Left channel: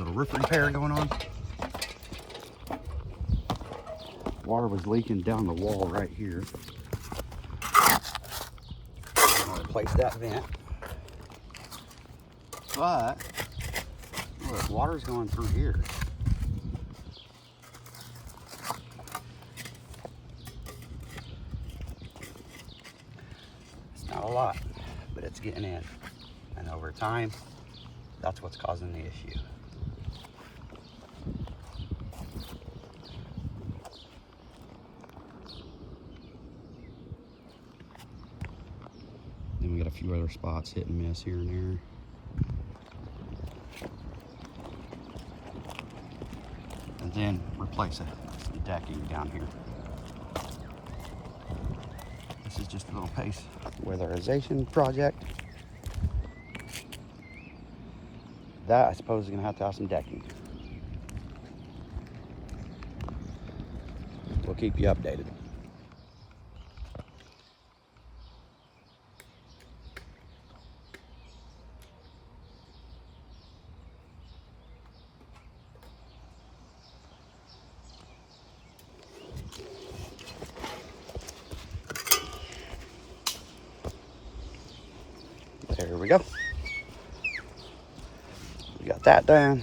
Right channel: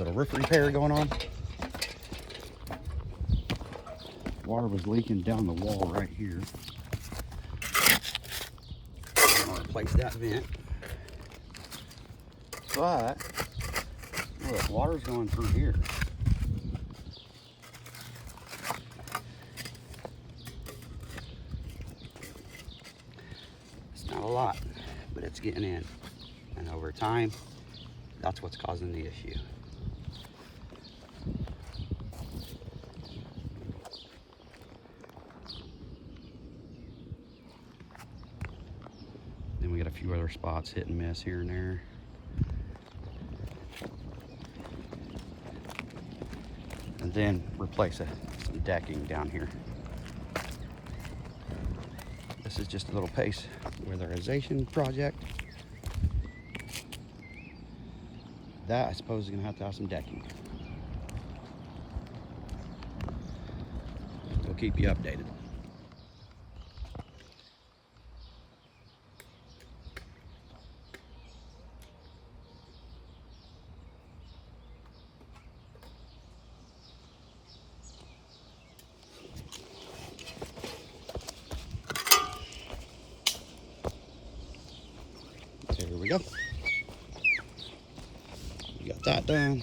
Little roof repair going on. Water was leaking down the wall right here. I'm gonna replace that vent. But look, water's going through here. It's not a lot, but it's getting in. And over time, that's what's causing the issue. Then we got a few other spots hit and miss here and there. And then replace some decking down here. This is just a little pace weatherization project. That I suppose is gonna have to have some decking. We'll keep you updated. There we go. We got that done.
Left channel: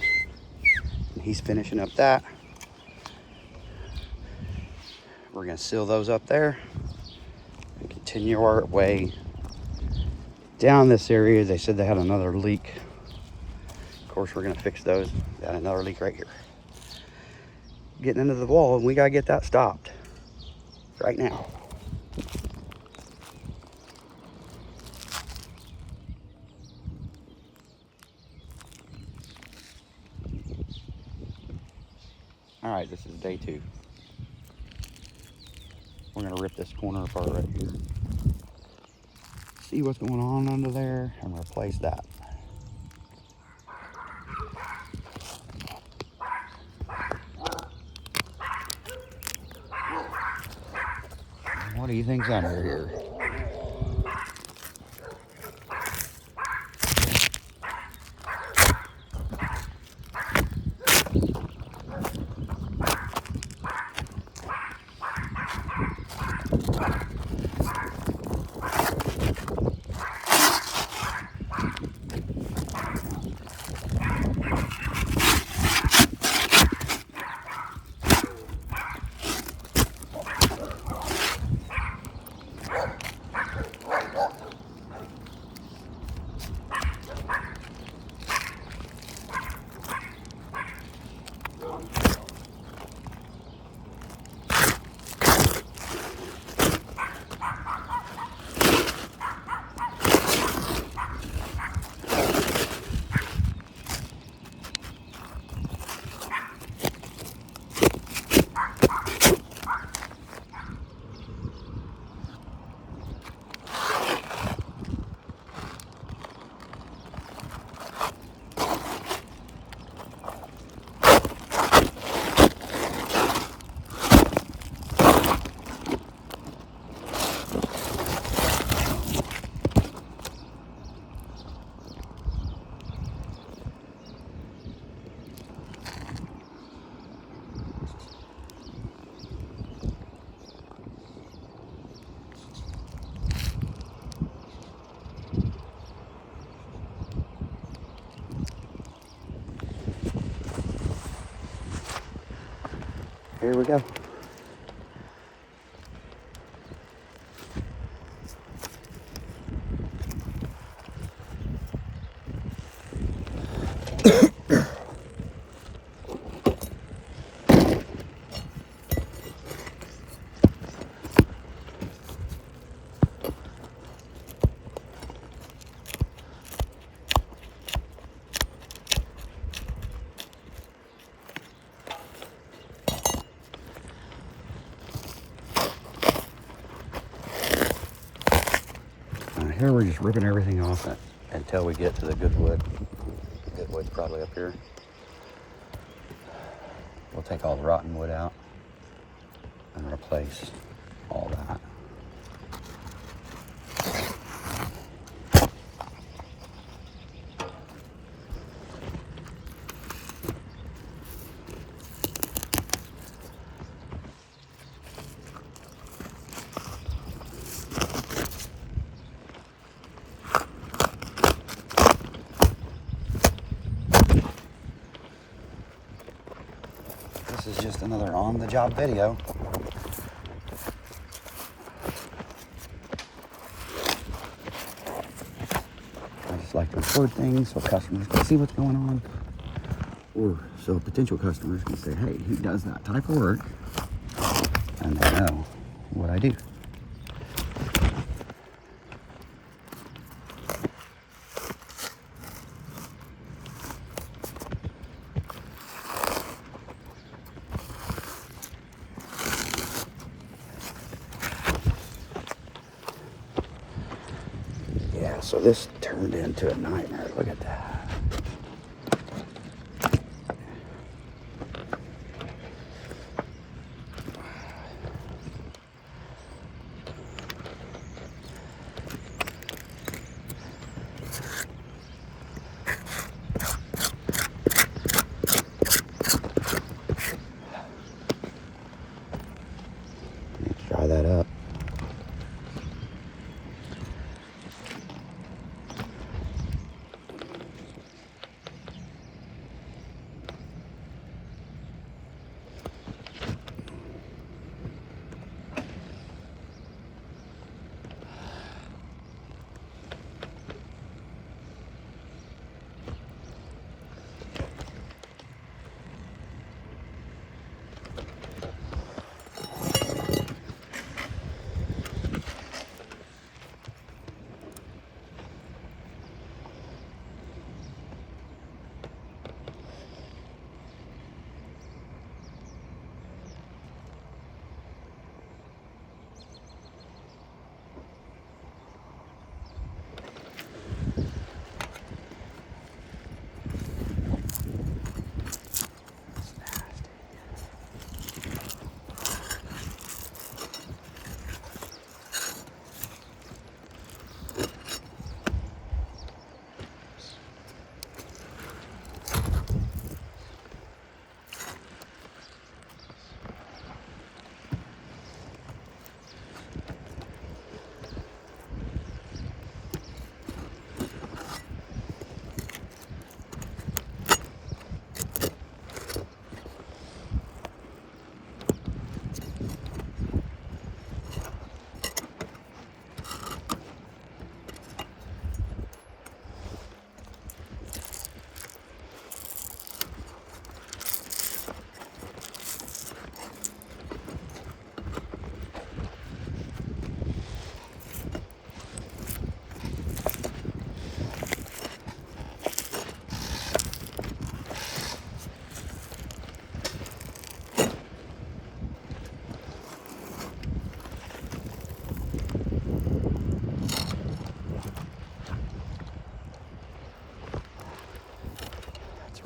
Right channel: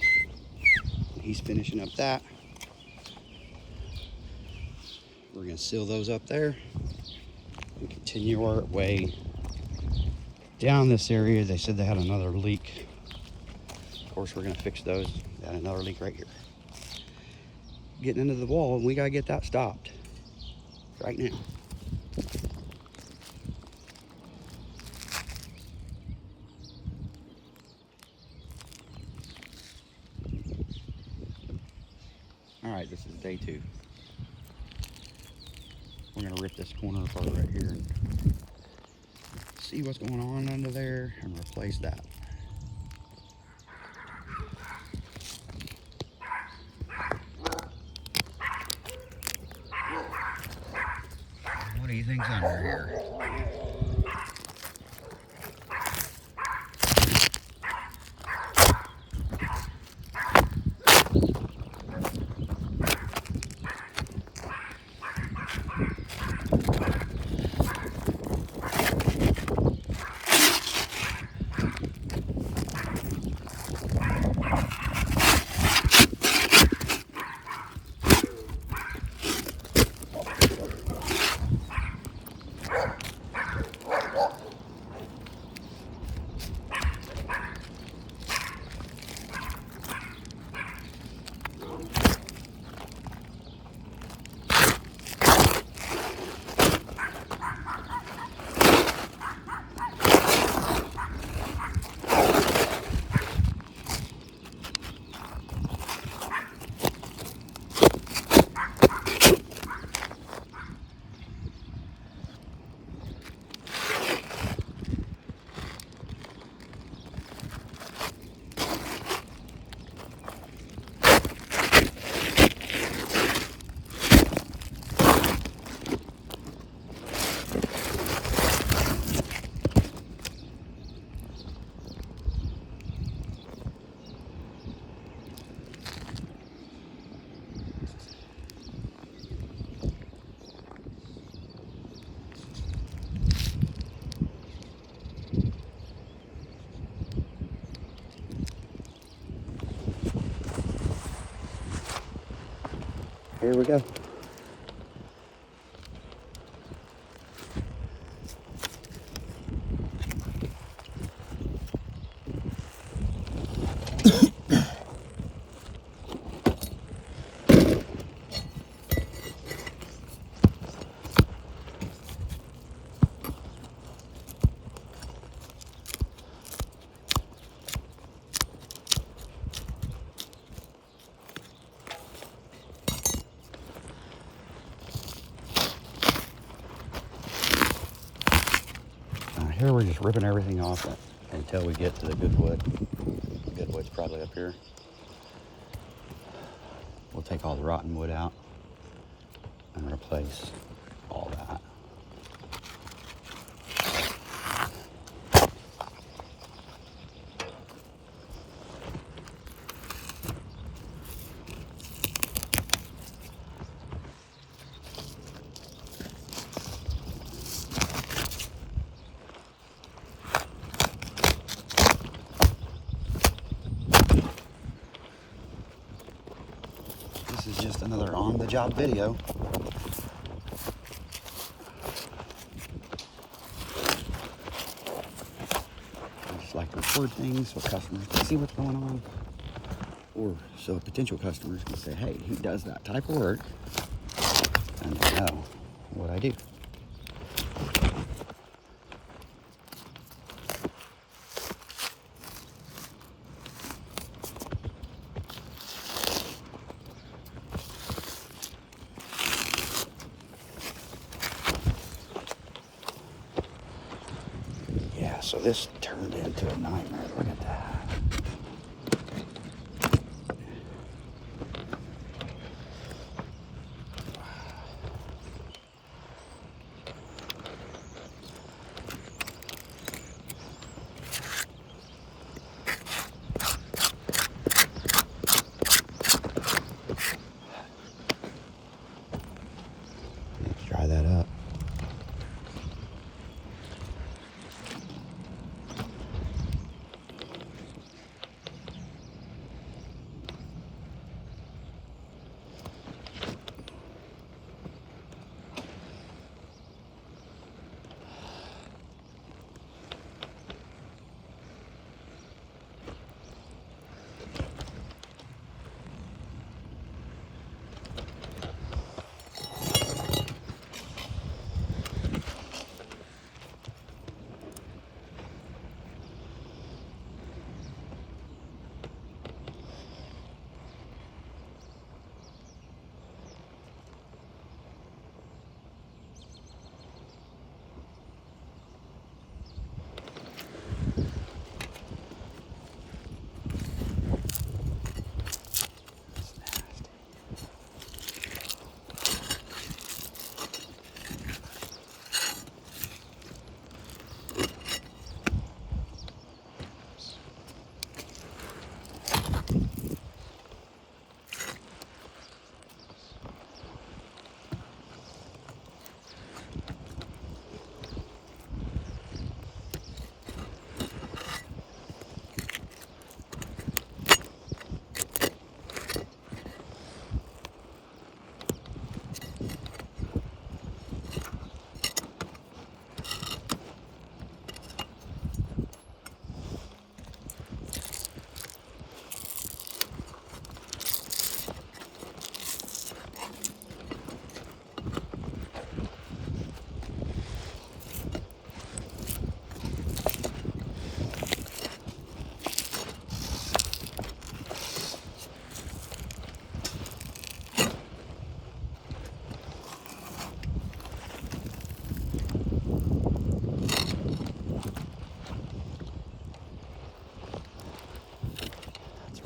He's finishing up that. We're gonna seal those up there and continue our way down this area. They said they had another leak. Of course, we're gonna fix those. Got another leak right here. Getting into the wall, and we gotta get that stopped right now. All right, this is day 2. We're gonna rip this corner apart right here and see what's going on under there and replace that. What do you think's under here? Here we go. Here we're just ripping everything off until we get to the good wood. Good wood's probably up here. We'll take all the rotten wood out and replace all that. just another on-the-job video. I just like to record things so customers can see what's going on, or so potential customers can say, hey, he does that type of work, and they know what I do. Yeah, so this turned into a nightmare. Look at that. Dry that up.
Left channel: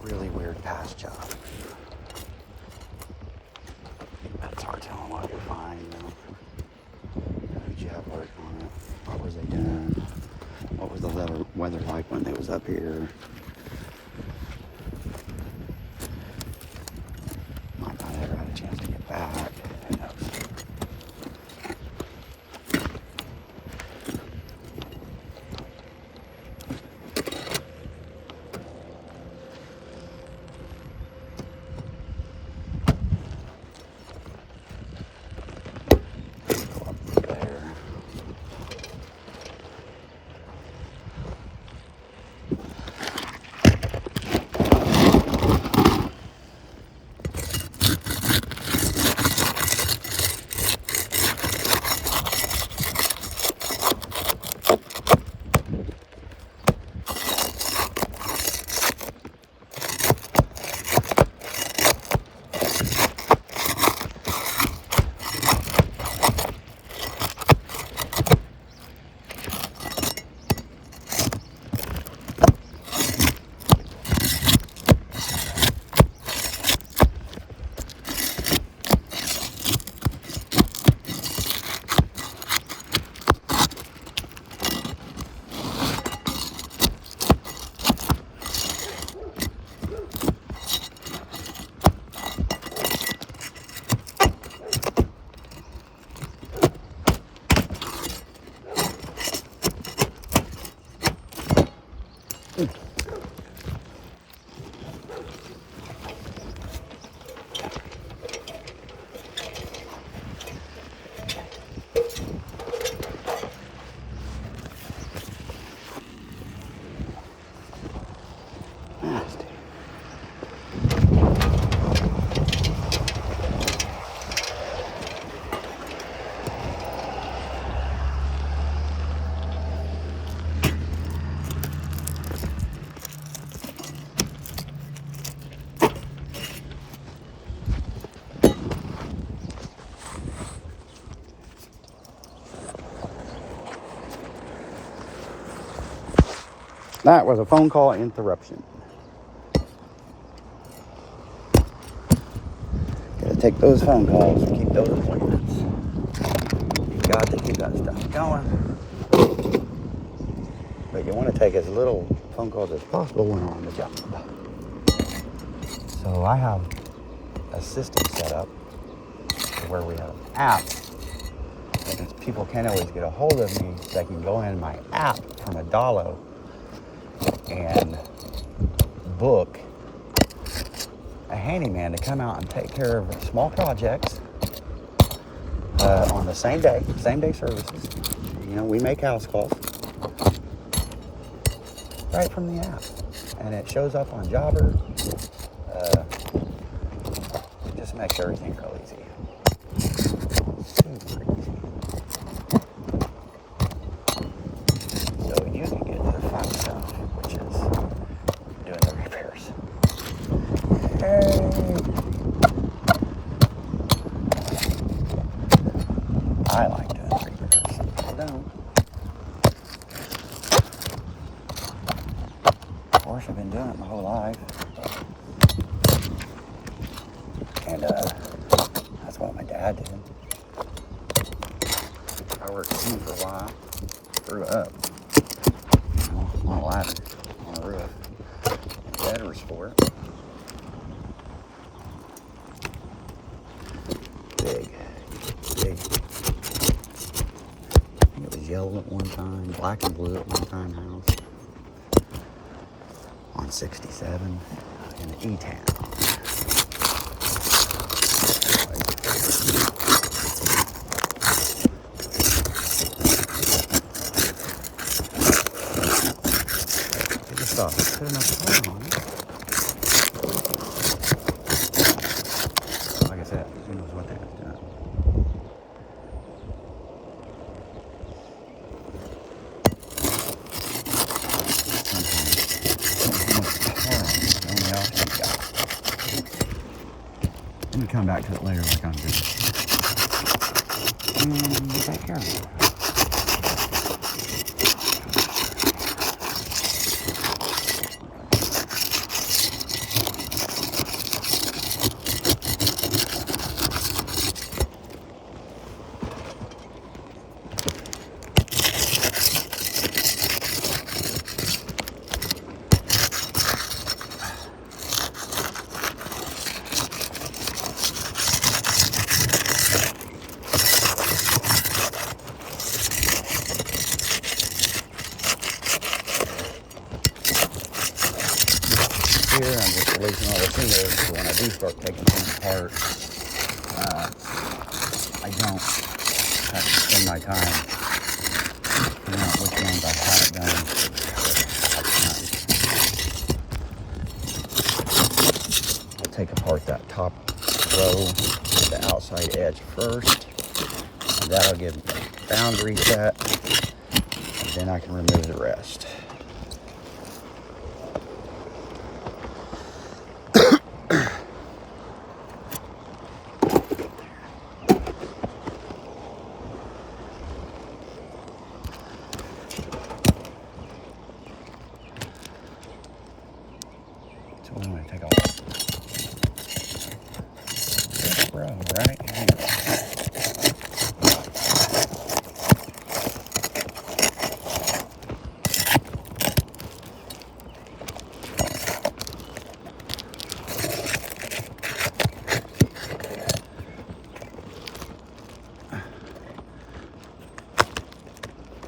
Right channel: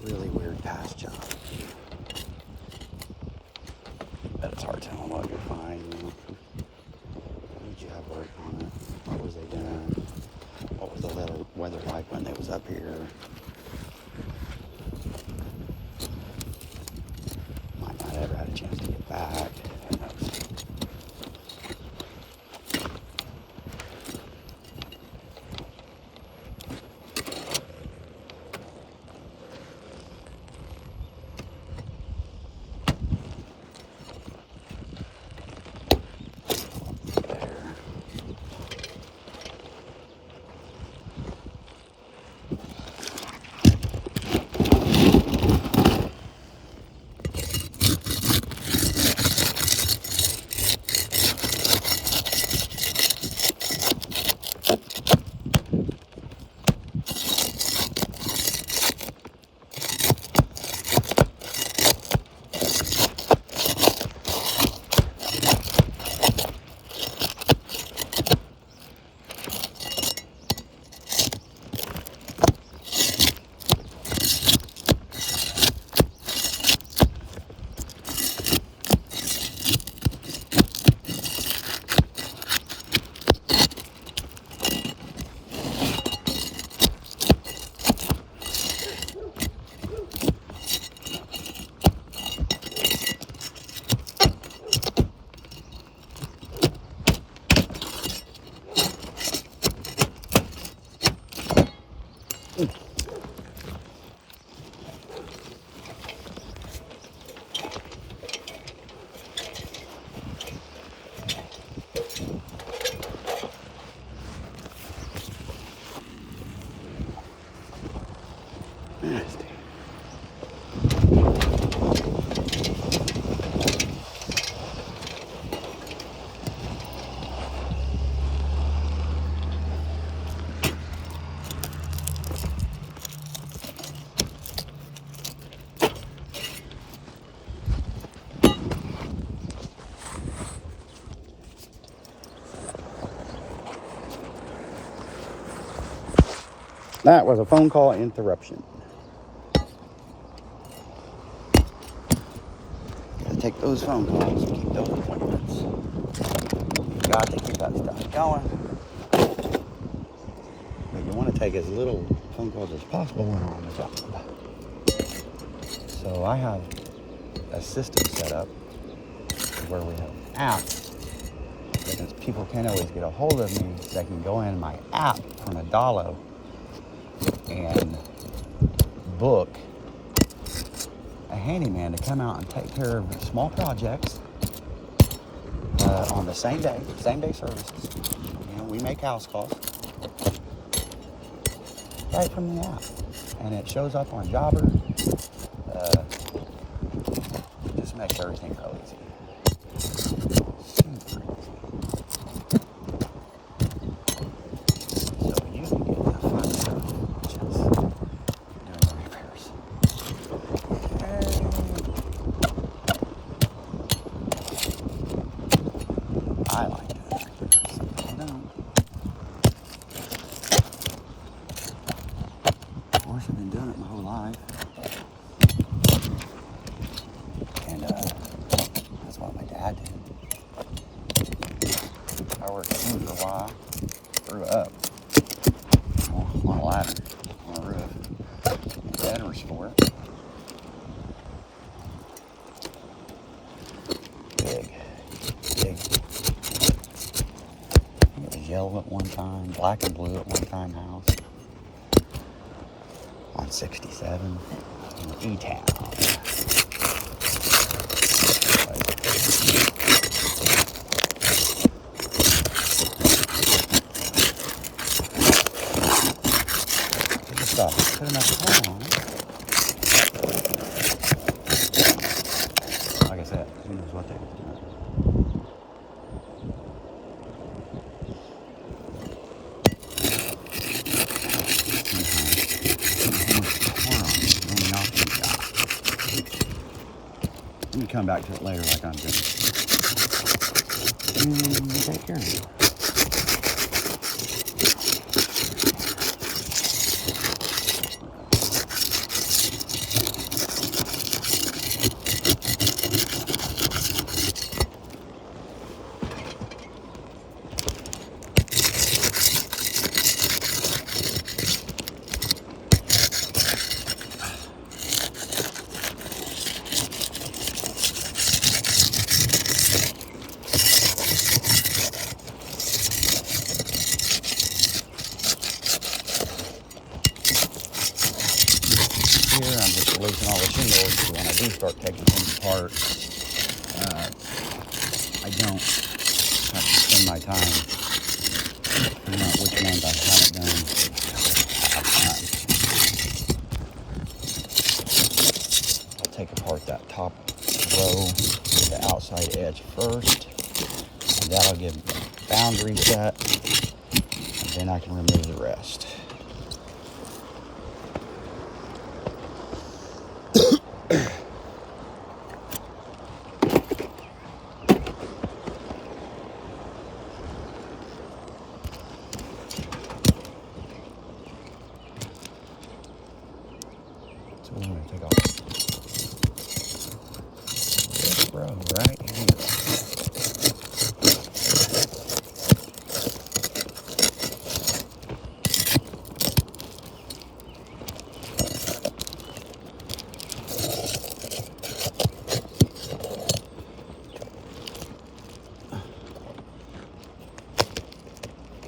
Really weird past job. But it's hard telling what you'll find, you know. How did you have work on it? What was they doing? What was the weather like when they was up here? Might not ever have a chance to get back. You know. That was a phone call interruption. Gotta take those phone calls and keep those appointments. You got to keep that stuff going. But you want to take as little phone calls as possible when on the job. So I have a system set up to where we have an app. Because people can't always get a hold of me, they can go in my app from a dollar and book a handyman to come out and take care of small projects on the same day services. You know, we make house calls right from the app, and it shows up on Jobber. Just makes everything real easy. Super easy. So you can get to the fun stuff, which is doing the repairs. Yay. I like doing repairs. Some people don't. Of course, I've been doing it my whole life. And that's what my dad did. I worked with him for a while. Grew up, you know, on a ladder, on a roof. And Dad was for it. Big. I think it was yellow at one time, black and blue at one time house. On 67 in E-Town. Stop. Put enough power on it. Like I said, who knows what they was doing. Let me come back to it later like I'm doing. And take care of it. Here, I'm just releasing all the shingles, so when I do start taking things apart, I don't have to spend my time figuring out which ones I haven't done. I'll take apart that top row, the outside edge first, and that'll give me a boundary set, and then I can remove the rest. So I'm going to take off this row right here.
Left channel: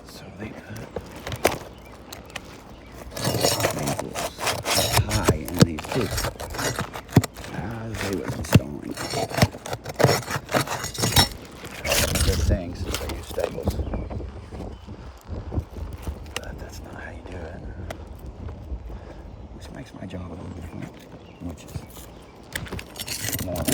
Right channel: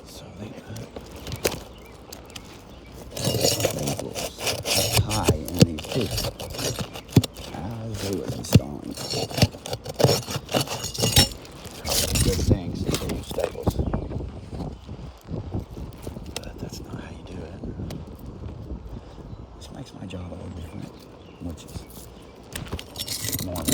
So they cut high in these too. As they was installing. Good things, they use staples. But that's not how you do it. Which makes my job a little different, which is normal.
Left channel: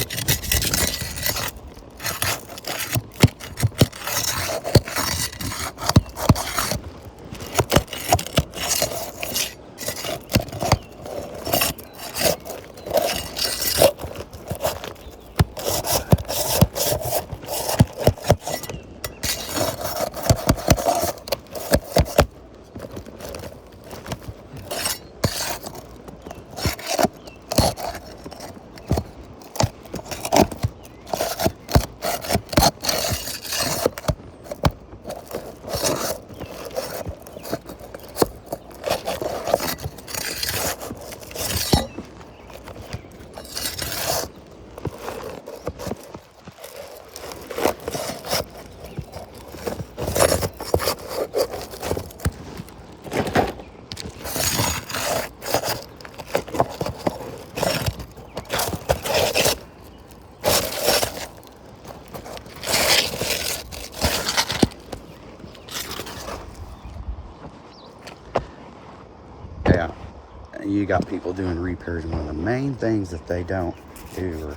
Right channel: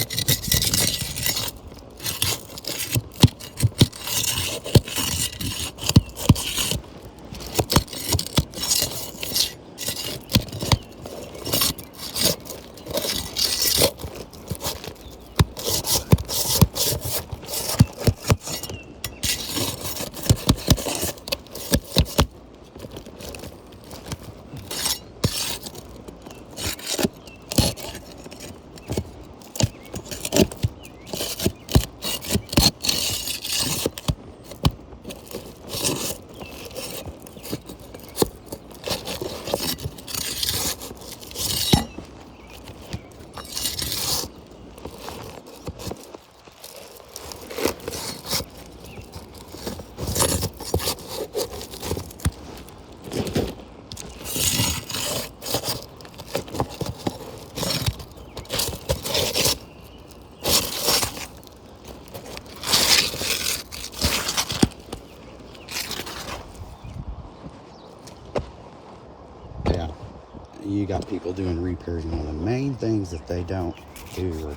you got people doing repairs. One of the main things that they don't do or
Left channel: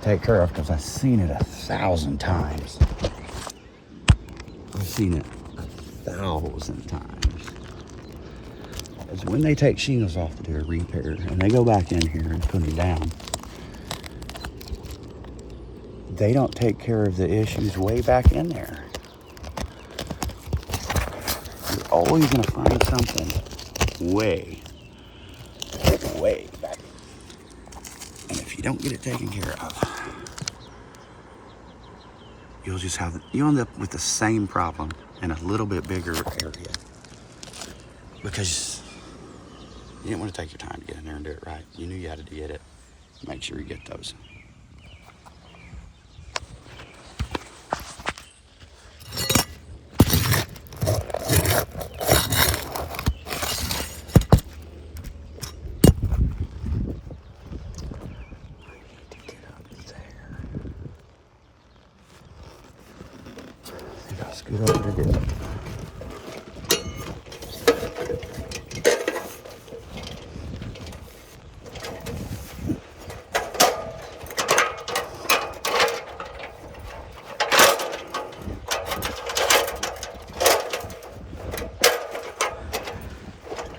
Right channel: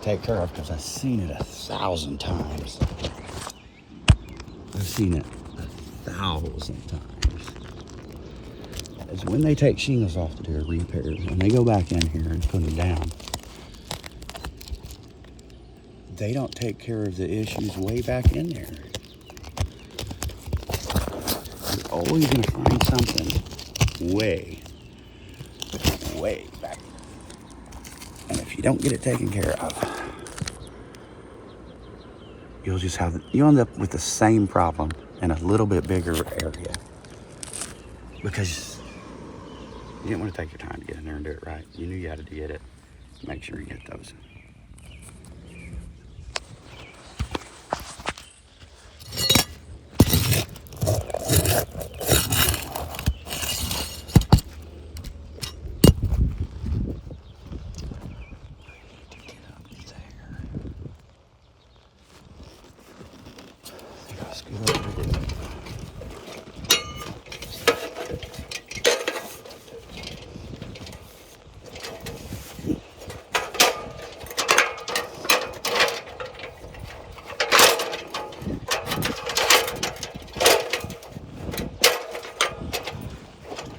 take care of, because I've seen it 1,000 times. I've seen it 1,000 times. Is when they take shingles off to do a repair and they go back in here and put them down, they don't take care of the issues way back in there. You're always going to find something way back. And if you don't get it taken care of, you'll end up with the same problem in a little bit bigger area, because you didn't want to take your time to get in there and do it right. You knew you had to get it. Make sure you get those. Scoot over to do it.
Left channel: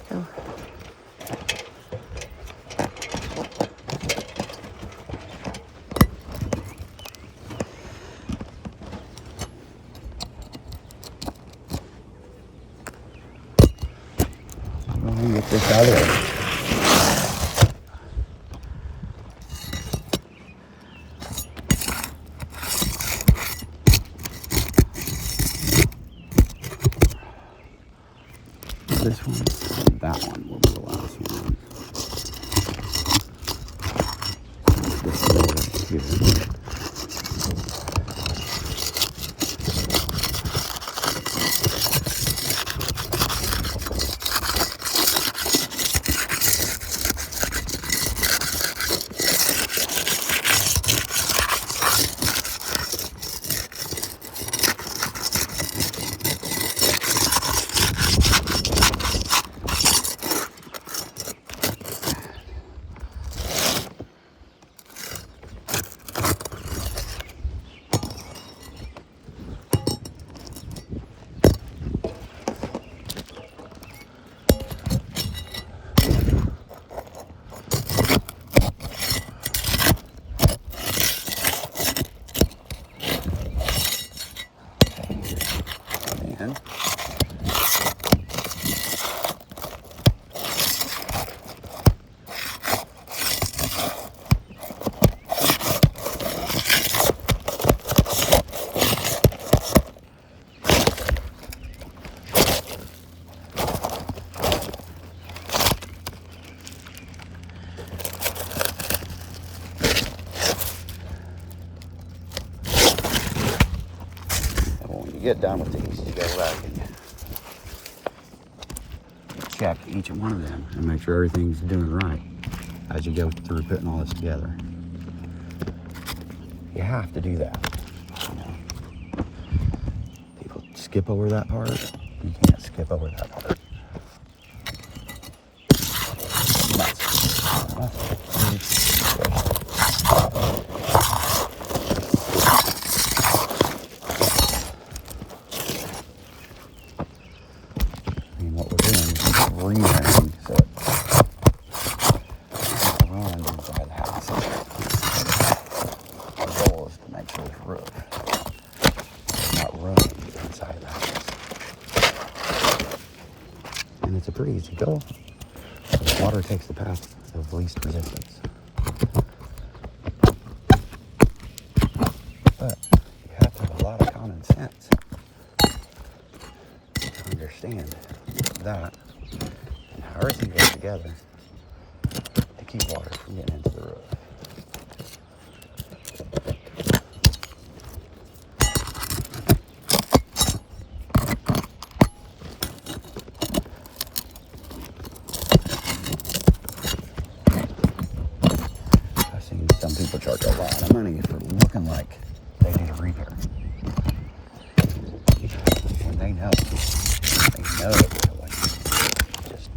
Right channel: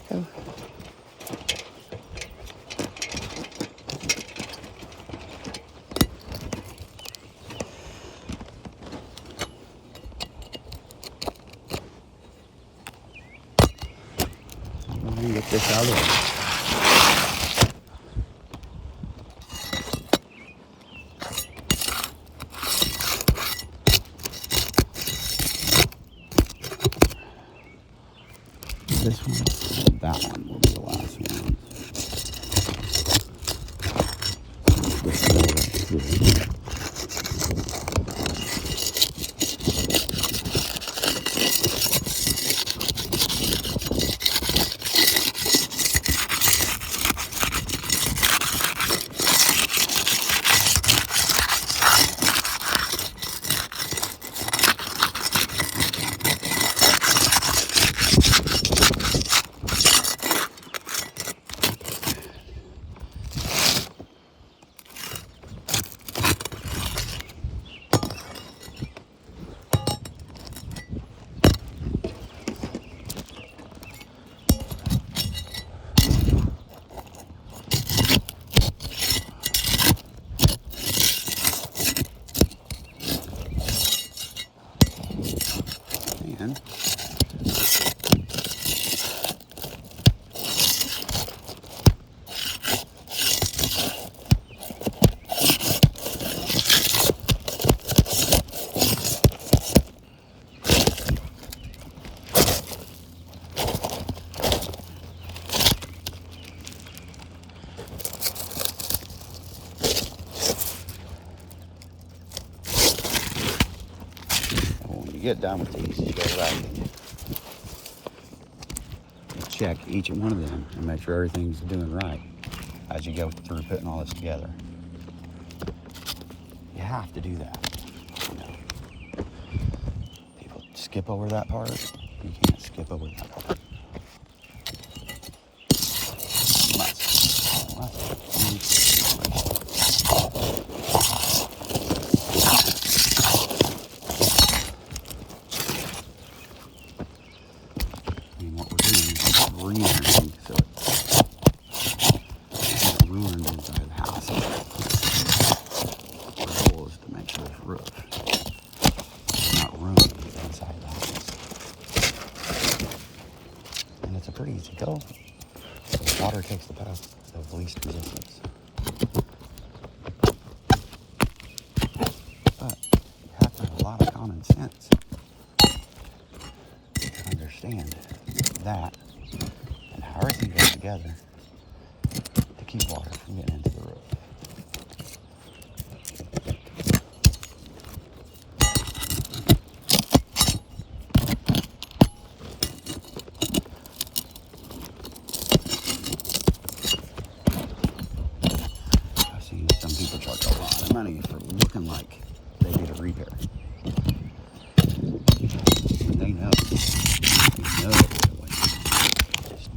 Go. Get this out of the way. This one and that one will be the last one. This one right here. And when you get done with these, you go right and you check each one of them and make sure everything's doing right as you go through putting all this together. You have to do that. You know, people skip over that part. You can't skip over that part. That's it. It's a pretty easy goal. Water takes the path of least resistance. But you have to have a lot of common sense to understand that and how everything goes together to keep water from getting into the roof. People charge a lot of money for looking like they did a repair, when they know it wasn't just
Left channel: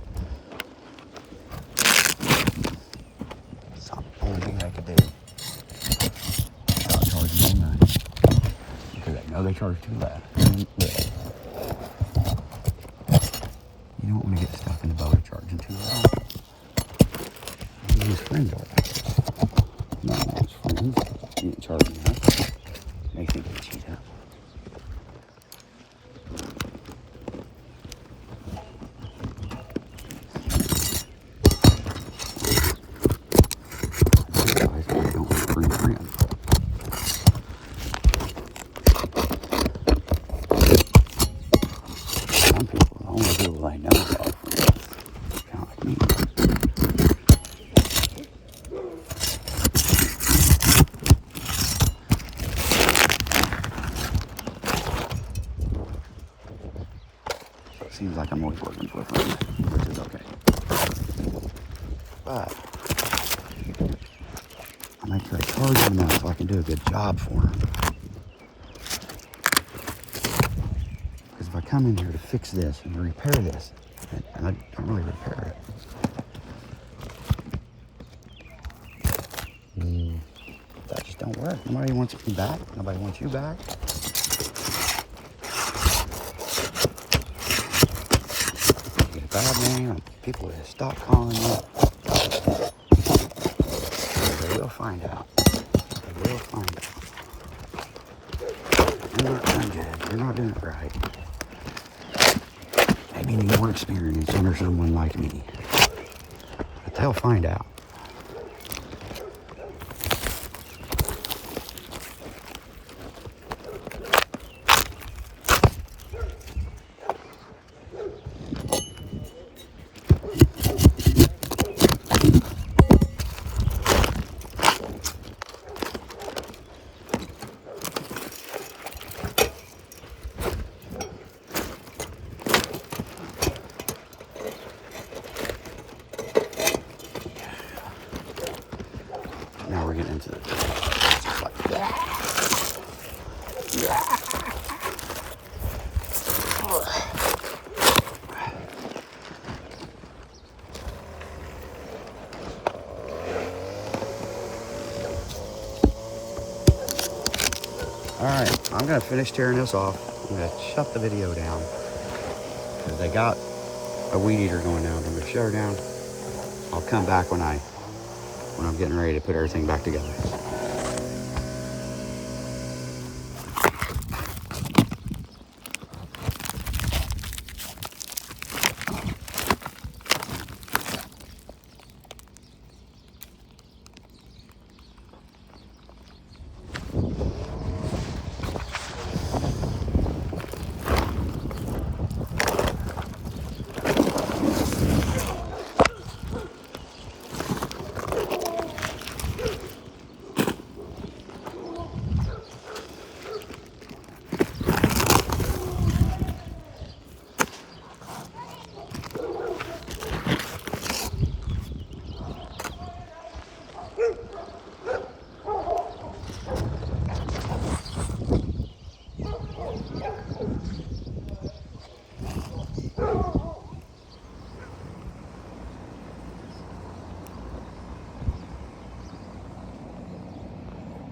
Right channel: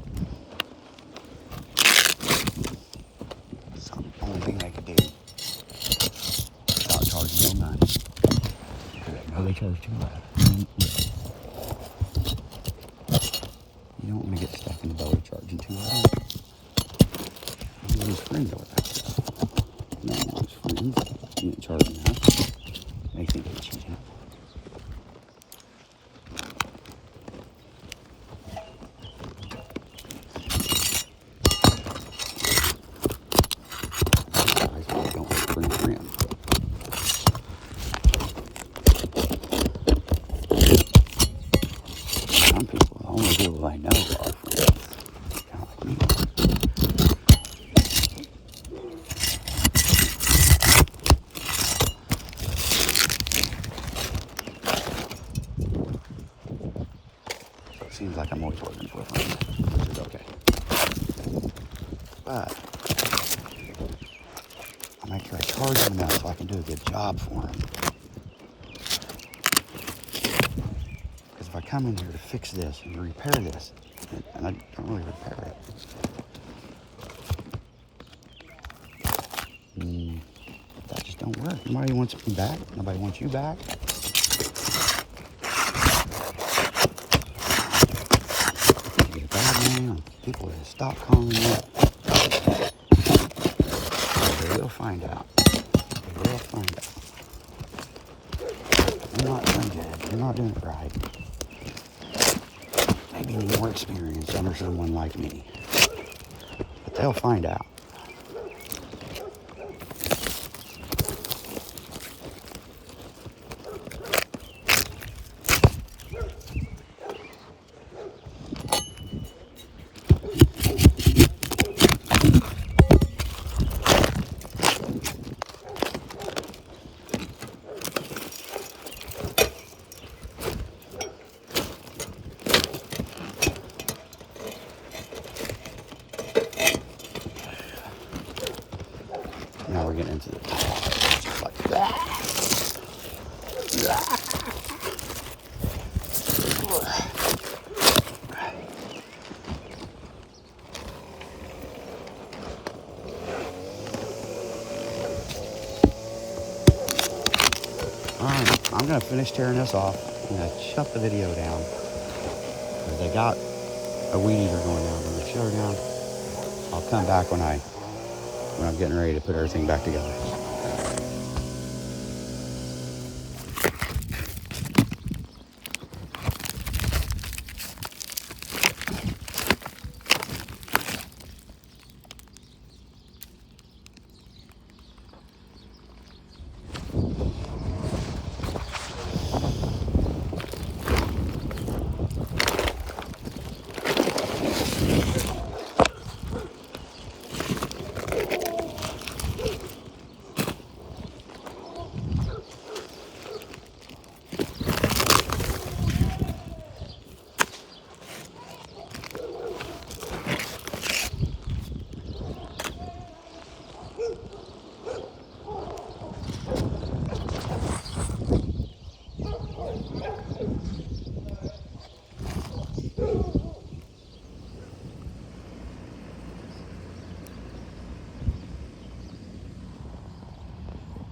who his friends are back there. Not his friends. He's in charge now. They think he cheated. Some people, the only people I know are friends. Not like me. So it seems like I'm always working with friends, which is okay. But I make sure I charge them enough so I can do a good job for them. Because if I come in here to fix this and repair this, and I don't really repair it, that just don't work. Nobody wants me back. Nobody wants you back. You get a bad name, and people will stop calling you. They will find out. They will find out. You're not doing good. You're not doing it right. Maybe you need more experience under someone like me. But they'll find out. Now we're getting into the just like that. Alright, I'm going to finish tearing this off. I'm going to shut the video down. Because they got a weed eater going now. I'm going to shut her down. I'll come back when I'm getting ready to put everything back together.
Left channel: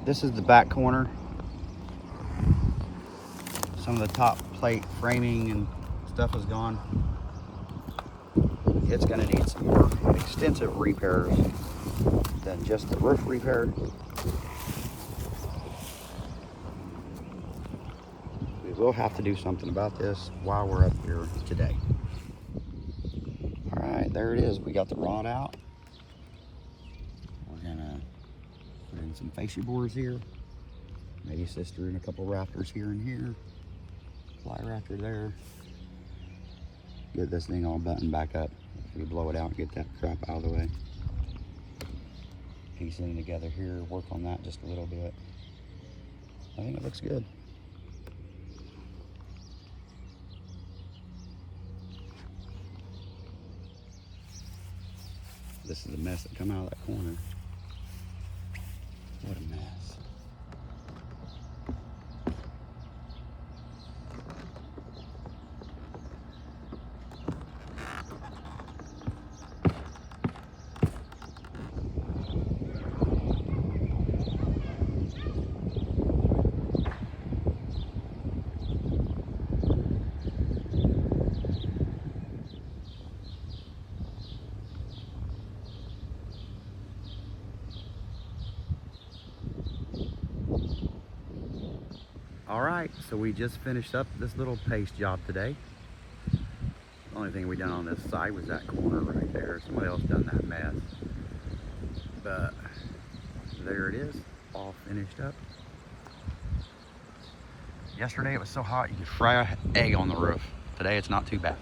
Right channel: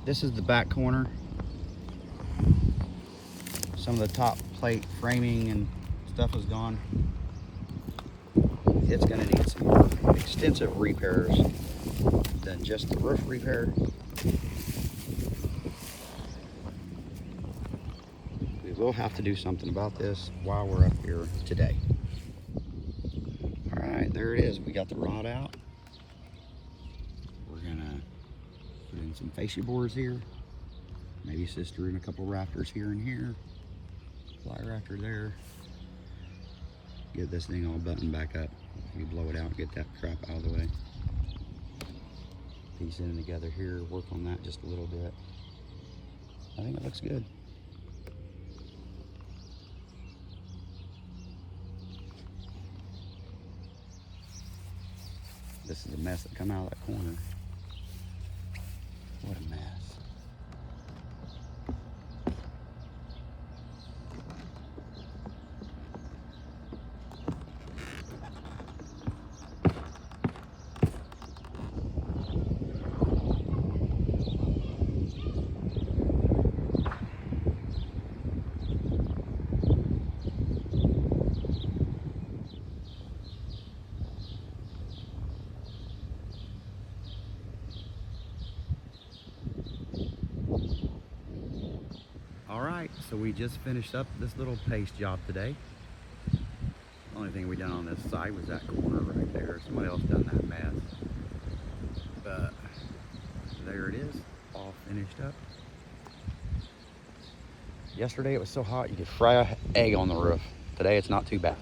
This is the back corner. Some of the top plate framing and stuff is gone. It's going to need some more extensive repairs than just the roof repair. We will have to do something about this while we're up here today. All right, there it is. We got the rod out. We're going to put in some fascia boards here. Maybe sister in a couple rafters here and here. Fly rafter there. Get this thing all buttoned back up. We blow it out and get that crap out of the way. Piece it together here. Work on that just a little bit. I think it looks good. This is the mess that come out of that corner. What a mess. All right, so we just finished up this little paste job today. The only thing we done on this side was that corner right there. Somebody else done that mess. But there it is, all finished up. Yesterday it was so hot you could fry an egg on the roof. Today it's not too bad.